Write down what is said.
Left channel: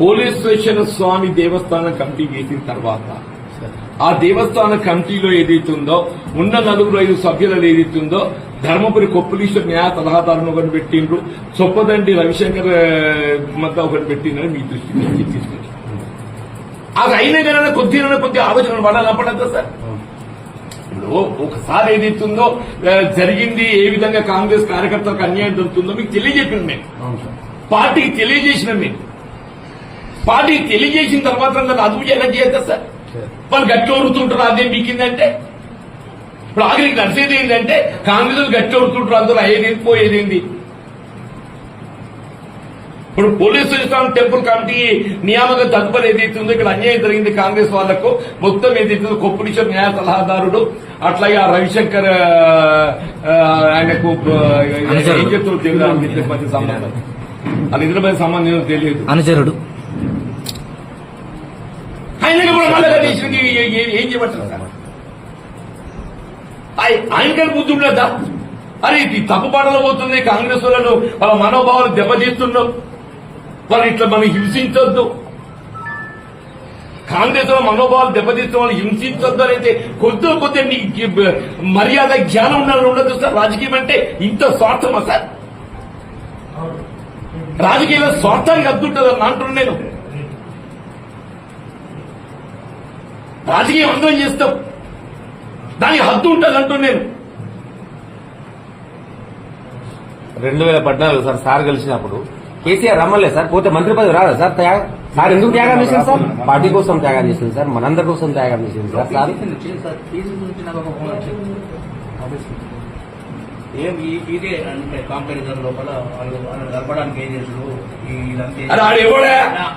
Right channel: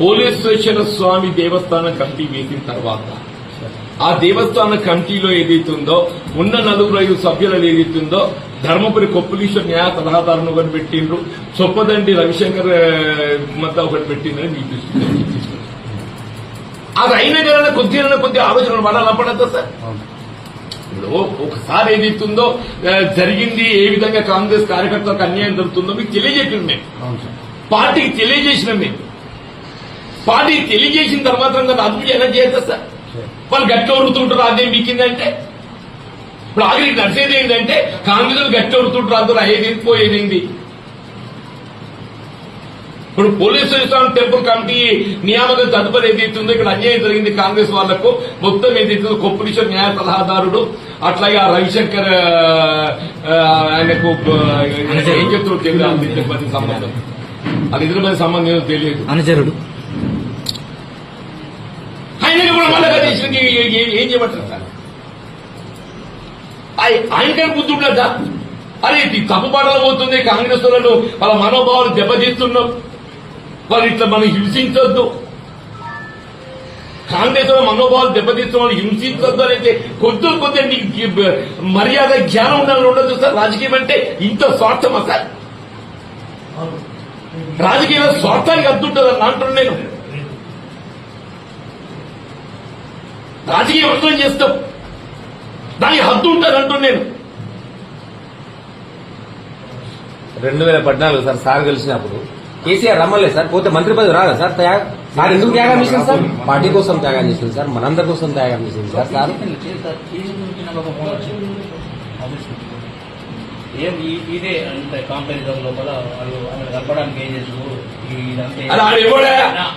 పోలీశ్వర స్వామి దేవస్థానం committee వేసిన తర్వాత ఆ దేవస్థాన కమిటీలో ఏదైతుందో ఉన్న నలుగురు ఐదు సభ్యులు ఏదైతుందో ధర్మపురి కొప్పులీశ్వర న్యాయ సలహాదారుని ఒకటి పెట్టిండ్రు చొప్పదండి రవిశంకర్ మధ్య ఒకటి పెట్టిండ్రని మీకు తీసుకున్నారు. అది అయిన జనాన్ని కొద్దిగా కొద్ది ఆలోచన పడాలా పడద్దా సార్. ఒకసారి ఏదైతుందో జరిగింది ఏ విధంగా కాంగ్రెస్ కార్యకర్తలకు అన్యాయం జరుగుతుందో మీకు తెలియజెప్పింది మేము. పార్టీకి తెలియజేసిన మేము. పార్టీకి తెలియజేసిన తర్వాత కదా అదుపు ఎలా చేస్తా సార్? వాళ్ళు గట్టి వరుతుంటారు అదే మీకిందంటే ఇప్పుడు ఆఖరికి నడిచేది ఏంటంటే కాంగ్రెస్ గట్టి వరుతుంటారు అందరూ అయ్యేది పోయేది ఇప్పుడు పోలీసు టెంపుల్ కమిటీ నియామకం తదుపరి ఏదైతుందో ఇక్కడ అన్యాయం జరిగింది కాంగ్రెస్ వాళ్ళకు మొత్తం ఏదైతుందో కొప్పులీశ్వర్ న్యాయ సలహాదారుడు అట్లాగే ఆ రవిశంకర్ ఆయనకు ఏం చెప్తారు తెలియదు. సంబంధం. అది ఇద్దరి మధ్య సంబంధం తెలియదు. అనుచరుడు. ఆయన కూడా మళ్ళా కనీసింది ఏం చేయమంటారు సార్? ఆయనకని బుద్ధి ఉండదా అరే ఇది తప్పు పాటలు పోతుంది కాంగ్రెస్ వాళ్ళు వాళ్ళ మనోభావాలు దెబ్బతీస్తున్నాం వాళ్ళు ఇట్లా మనం హింసించొద్దు. కాంగ్రెస్ వాళ్ళ మనోభావాలు దెబ్బతీస్తున్న వాళ్ళు హింసించొద్దు అనేది కొద్ది కొద్ది నీకు మర్యాద జ్ఞానం వాళ్ళు ఉండదు సార్. రాజకీయం అంటే ఇంత స్వార్థమా సార్? రాజకీయంలో స్వార్థానికి అద్దుంటుందని అంటున్నాను నేను. రాజకీయం అర్థం చేస్తాం. దానికి హద్దు ఉంటుంది అంటూ నేను. రెండు వేల పద్నాలుగు సార్ సార్ గెలిచినప్పుడు కేసీఆర్ రమ్మలే సార్ పోతే మంత్రి పదవి రాదా సార్ త్యాగ సార్ ఎందుకు త్యాగం చేసింది సార్? పార్టీ కోసం త్యాగం చేసింది సార్ మనందరి కోసం త్యాగం చేసింది సార్ సార్. ఏం ఇదే అంటే కాంపారిజన్ లోపల వాళ్ళు వాళ్ళు గడపడానికి ఏం చేసారు ఇదంతా